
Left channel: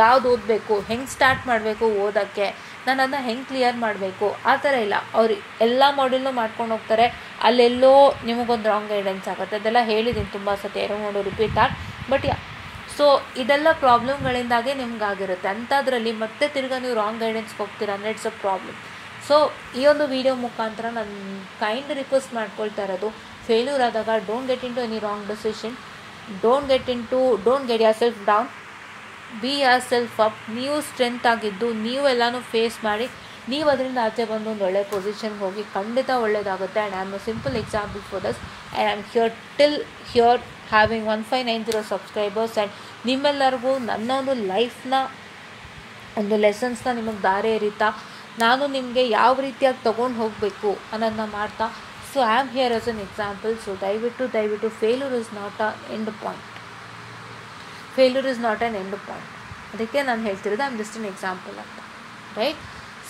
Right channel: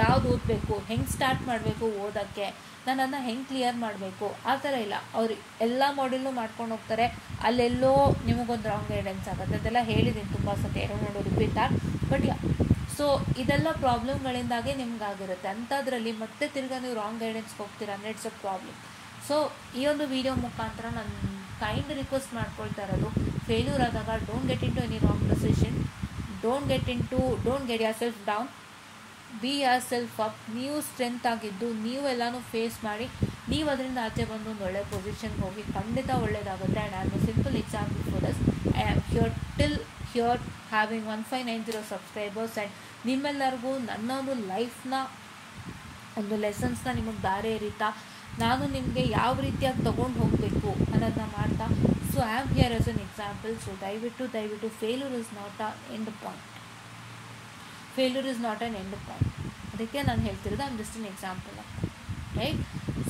ಯಾವ್ದು ಓದಬೇಕು, ಹೆಂಗೆ ಸ್ಟಾರ್ಟ್ ಮಾಡಬೇಕು ಓದೋಕ್ಕೆ, ನಾನು ಅದನ್ನ ಹೆಂಗೆ ಕ್ಲಿಯರ್ ಮಾಡಬೇಕು ಆ ಥರ ಇಲ್ಲ. ಅವ್ರು ಎಲ್ಲ ಮಾಡ್ಯೂಲ್ನೂ ಮಾಡ್ಕೊಂಡು ಹೋಗ್ತಾರೆ, ಅಲ್ಲೆಲ್ಲೋ ನಿಮಗೊಂದು ರಾಂಗ್ ಗೈಡೆನ್ಸ್ ಆಗುತ್ತೆ. ಅದೆಲ್ಲ ಹೇಳಿದ್ದೀನಿ ತುಂಬ ಸತಿ, ಎರಡು ರಿಪೀಟ್ ಆಗಿ. ಬಟ್ ಸೊ ಇದೆಲ್ಲ ಪ್ರಾಬ್ಲಮ್ಗಳಿಂದಾಗೆ ನಿಮ್ಗಾಗಿರುತ್ತೆ. ಅಂಥದ್ರಲ್ಲಿ ಮತ್ತೆ ತಿರ್ಗಾ ನೀವು ರಾಂಗ್ ಗೈಡೆನ್ಸ್ಗೆ ಹೋಗ್ತೀರಾ ಅಂದರೆ ಇಟ್ಸ್ ಅ ಪ್ರಾಬ್ಲಮ್. ಸೊ ಈ ಒಂದು ವಿಡಿಯೋ ಮುಖಾಂತರ ನಾನು ಕೈಂಡ್ ರಿಕ್ವೆಸ್ಟ್ ಮಾಡ್ಕೊಳ್ತಾ ಇರೋದು, ಫೇಲ್ಯೂರ್ ಆದಾಗ don't get in to any wrong decision, don't get yourself down, be yourself up. ನೀವು ಸ್ಟ್ರೆಂತ್ ಆಗಿದ್ದು ನೀವು ಎಲ್ಲನೂ ಫೇಸ್ ಮಾಡಿ ನೀವು ಅದರಿಂದ ಆಚೆ ಬಂದು ಒಂದು ಒಳ್ಳೆ ಪೊಸಿಷನ್ಗೆ ಹೋಗಿ ಖಂಡಿತ ಒಳ್ಳೆಯದಾಗುತ್ತೆ. And I am a simple example for thus. And I am here having 1590 subscribers. And ನಿಮ್ಮೆಲ್ಲರಿಗೂ ನನ್ನ ಒಂದು ಲೈಫ್ನ ಒಂದು ಲೆಸನ್ಸ್ನ ನಿಮಗೆ ದಾರಿ ಎರಿತಾ ನಾನು ನಿಮಗೆ ಯಾವ ರೀತಿಯಾಗಿ ತೊಗೊಂಡು ಹೋಗಬೇಕು ಅನ್ನೋದನ್ನ ಮಾಡ್ತಾ, so I am here as an example. So ದಯವಿಟ್ಟು failure is not a end point. Failure is not an end point. ಅದಕ್ಕೆ ನಾನು ಹೇಳ್ತಿರೋದು I am just an example ಅಂತ, ರೈಟ್?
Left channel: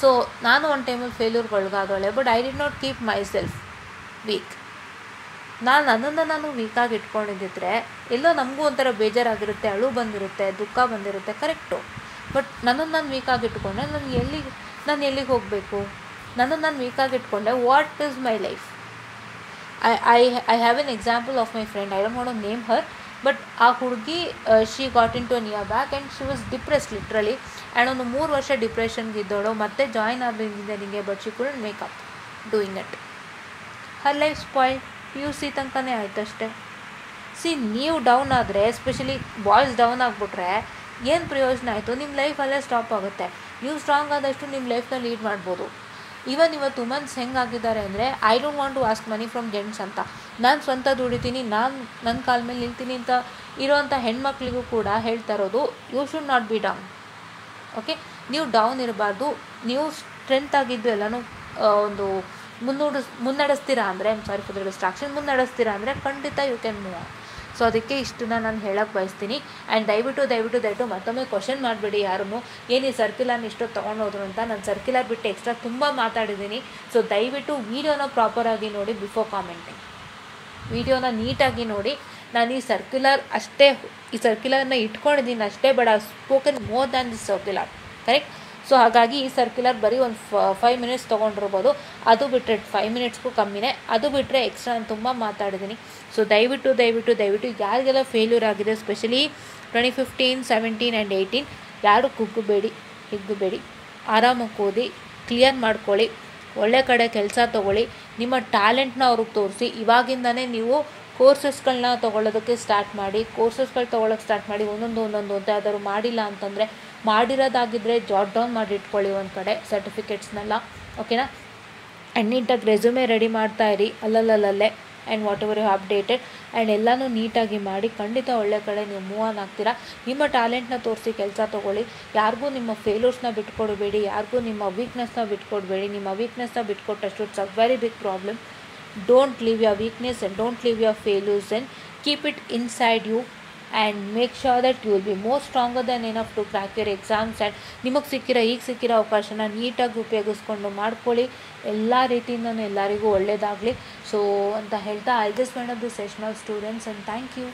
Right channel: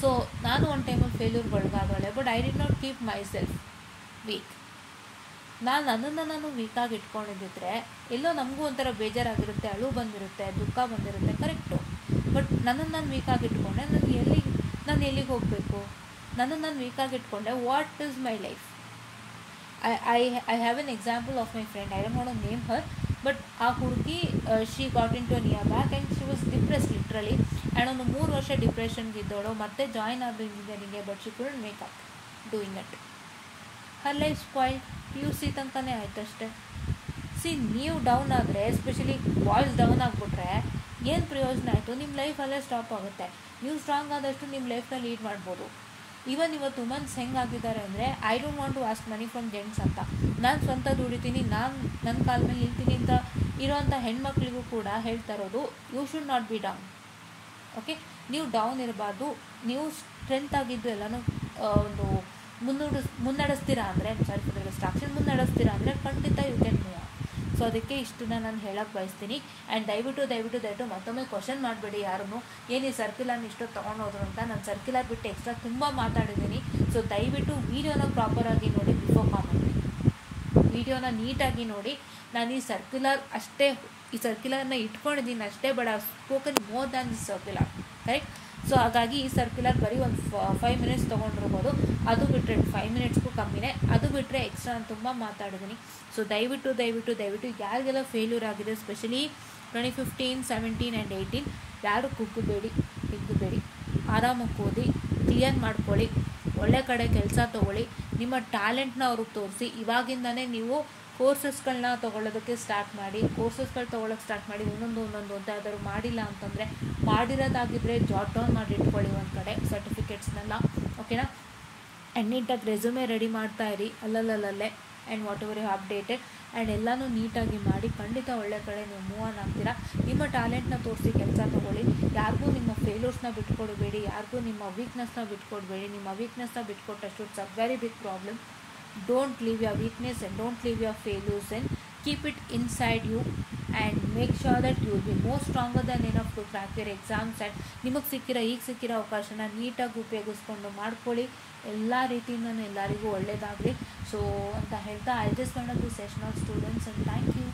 ಸೊ ನಾನು ಒಂದು ಟೈಮಲ್ಲಿ ಫೇಲ್ಯೂರ್ಗೊಳಗಾದವಳೆ, but I did not keep myself weak. ನನ್ನನ್ನು ನಾನು ವೀಕಾಗಿ ಇಟ್ಕೊಂಡಿದ್ದಿದ್ರೆ ಎಲ್ಲೋ ನಮಗೂ ಒಂಥರ ಬೇಜಾರಾಗಿರುತ್ತೆ, ಅಳು ಬಂದಿರುತ್ತೆ, ದುಃಖ ಬಂದಿರುತ್ತೆ, ಕರೆಕ್ಟು. ಬಟ್ ನನ್ನನ್ನು ನಾನು ವೀಕಾಗಿ ಇಟ್ಕೊಂಡೆ ನಾನು ಎಲ್ಲಿಗೆ ಹೋಗಬೇಕು? ನನ್ನನ್ನು ನಾನು ವೀಕಾಗಿ ಇಟ್ಕೊಂಡೆ, what is my life? I have an example of my friend, I don't want to name her. But ಆ ಹುಡುಗಿ she got in to an year back and she was depressed literally. And ಒಂದು 3 ವರ್ಷ ಡಿಪ್ರೆಷನ್ಗೆ ಇದ್ದವಳು ಮತ್ತೆ join ಆಗಬೇಕು ಇಂಜಿನಿಯರಿಂಗ್ಗೆ, but she couldn't make up doing it. Her life spoil. PUC ತನಕನೇ ಆಯ್ತು ಅಷ್ಟೇ. ನೀವು ಡೌನ್ ಆದರೆ, ಎಸ್ಪೆಷಲಿ ಬಾಯ್ಸ್ ಡೌನ್ ಆಗಿಬಿಟ್ರೆ ಏನು ಪ್ರಯೋಜನ ಆಯಿತು? ನಿಮ್ಮ ಲೈಫ್ ಅಲ್ಲೇ ಸ್ಟಾಪ್ ಆಗುತ್ತೆ. ನೀವು ಸ್ಟ್ರಾಂಗ್ ಆದಷ್ಟು ನಿಮ್ಮ ಲೈಫ್ನ ಲೀಡ್ ಮಾಡ್ಬೋದು. ಇವತ್ತು ವುಮೆನ್ಸ್ ಹೆಂಗಾಗಿದ್ದಾರೆ ಅಂದರೆ, I don't want to ask money from gents ಅಂತ. ನಾನು ಸ್ವಂತ ದುಡಿತೀನಿ, ನಾನು ನನ್ನ ಕಾಲ ಮೇಲೆ ನಿಲ್ತೀನಿ ಅಂತ ಇರೋವಂಥ ಹೆಣ್ಮಕ್ಳಿಗೂ ಕೂಡ ಹೇಳ್ತಾ ಇರೋದು, you should not be down. Okay, ನೀವು ಡೌನ್ ಇರಬಾರ್ದು. ನೀವು ಸ್ಟ್ರೆಂತ್ ಆಗಿದ್ದು ಎಲ್ಲನೂ ಒಂದು ಮುನ್ನಡೆಸ್ತೀರಾ ಅಂದರೆ, ಸಾರಿ ಫಾರ್ ದ ಡಿಸ್ಟ್ರಾಕ್ಷನ್, ಮುನ್ನಡೆಸ್ತೀರಾ ಅಂದರೆ ಖಂಡಿತ you can move on. So ಅದಕ್ಕೆ ಇಷ್ಟನ್ನ ನಾನು ಹೇಳಕ್ಕೆ ಬಯಸ್ತೀನಿ. ಆ್ಯಂಡ್ ದಯವಿಟ್ಟು ಮತ್ತೊಮ್ಮೆ ಕ್ವಶನ್ ಮಾಡಬೇಡಿ ಯಾರೂ, ಏನು ಈ ಸರ್ಕ್ಯುಲರ್ನ ಇಷ್ಟೊತ್ತು ತೊಗೊಂಡೋದ್ರು ಅಂತ. ನಾನು ಸರ್ಕ್ಯುಲರ್ ಬಿಟ್ಟು ಎಕ್ಸ್ಟ್ರಾ ತುಂಬ ಮಾತಾಡಿದ್ದೀನಿ. ಸೊ ದಯವಿಟ್ಟು ವೀಡಿಯೋನ ಪ್ರಾಪರಾಗಿ ನೋಡಿ ಬಿಫೋರ್ ಕಾಮೆಂಟಿಂಗ್. ವೀಡಿಯೋನ ನೀಟಾಗಿ ನೋಡಿ. ನಾನು ಈ ಸರ್ಕ್ಯುಲರ್ನ ಇಟ್ಕೊಂಡಿದ್ದೀನಿ ಅಷ್ಟೇ, but I spoken more than this circular, correct? So ಹಾಗಾಗಿ ಈ ಸರ್ಕ್ಯುಲರ್ ಬರೀ ಒಂದು 5 ಮಿನಿಟ್ಸ್ ತೊಗೊಂಡಿರ್ಬೋದು, ಅದು ಬಿಟ್ಟರೆ 5 ಮಿನಿಟ್ಸ್ಗೂ ಕಮ್ಮಿನೇ, ಅದು ಬಿಟ್ಟರೆ ಎಕ್ಸ್ಟ್ರಾ ನಾನು ತುಂಬ ಮಾತಾಡಿದ್ದೀನಿ. ಸೊ ದಯವಿಟ್ಟು ಯಾರಿಗೆಲ್ಲ ಫೇಲ್ಯೂರ್ ಆಗಿದೆ, ಸ್ಪೆಷಲಿ 2015, 17 ಆ್ಯಂಡ್ 18, ಯಾರು ಹಿಗ್ಗಬೇಡಿ, ಆರಾಮಾಗಿ ಓದಿ, ಕ್ಲಿಯರ್ ಮಾಡ್ಕೊಳ್ಳಿ, ಒಳ್ಳೆ ಕಡೆ ಕೆಲಸ ತೊಗೊಳ್ಳಿ, ನಿಮ್ಮ ಟ್ಯಾಲೆಂಟ್ನ ಅವ್ರಿಗೆ ತೋರಿಸಿ. ಇವಾಗಿಂದನೇ ನೀವು ಕೋರ್ಸಸ್ಗಳನ್ನ ತೊಗೊಳ್ಳೋದಕ್ಕೆ ಸ್ಟಾರ್ಟ್ ಮಾಡಿ, ಒಂದೊಂದು ಅಂತ ಯಾವ್ದಾದ್ರು ಮಾಡಿಲ್ಲ ಅಂತಂದರೆ, ಮಾಡಿರೋದಾಗಿದ್ದರೆ ಜಾಟ್ ಡೌನ್ ಮಾಡಿ ಇಟ್ಕೊಳ್ಳಿ ಒಂದು ಕಡೆ ಸರ್ಟಿಫಿಕೇಟ್ಸ್ನೆಲ್ಲ, ಓಕೆನಾ? ಆ್ಯಂಡ್ ನೀಟಾಗಿ ರೆಸ್ಯೂಮೆ ರೆಡಿ ಮಾಡ್ತಾ ಇರಿ ಅಲ್ಲಲ್ಲೇ. And whatever you updated, and ಎಲ್ಲನೂ ನೀಟಾಗಿ ಮಾಡಿ ಖಂಡಿತ ಒಳ್ಳೆ ಕಡೆ ನೀವು ಮೂವ್ ಆನ್ ಆಗ್ತೀರಾ. ನಿಮ್ಮ ಟ್ಯಾಲೆಂಟ್ನ ತೋರಿಸಿ ಕೆಲಸ ತೊಗೊಳ್ಳಿ. ಯಾರಿಗೂ ನಿಮ್ಮ ಫೇಲ್ಯೂರ್ಸ್ನ ಬಿಟ್ಕೊಡ್ಬೇಡಿ, ಯಾರಿಗೂ ನಿಮ್ಮ ವೀಕ್ನೆಸ್ನ ಬಿಟ್ಕೊಡ್ಬೇಡಿ. ನಿಮ್ಮ ವೀಕ್ನೆಸ್ನ ಬಿಟ್ಕೊಟ್ಟಷ್ಟು it's a very big problem. Don't leave your weakness and don't leave your failures, and keep it inside you and make sure that you will be more stronger than enough to crack your exams. And ನಿಮಗೆ ಸಿಕ್ಕಿರೋ ಅವಕಾಶನ ನೀಟಾಗಿ ಉಪಯೋಗಿಸ್ಕೊಂಡು ಮಾಡ್ಕೊಳ್ಳಿ. ಎಲ್ಲ ರೀತಿಯಿಂದನೂ ಎಲ್ಲರಿಗೂ ಒಳ್ಳೆಯದಾಗಲಿ. So ಅಂತ ಹೇಳ್ತಾ, I just wind up the session of students, and thank you.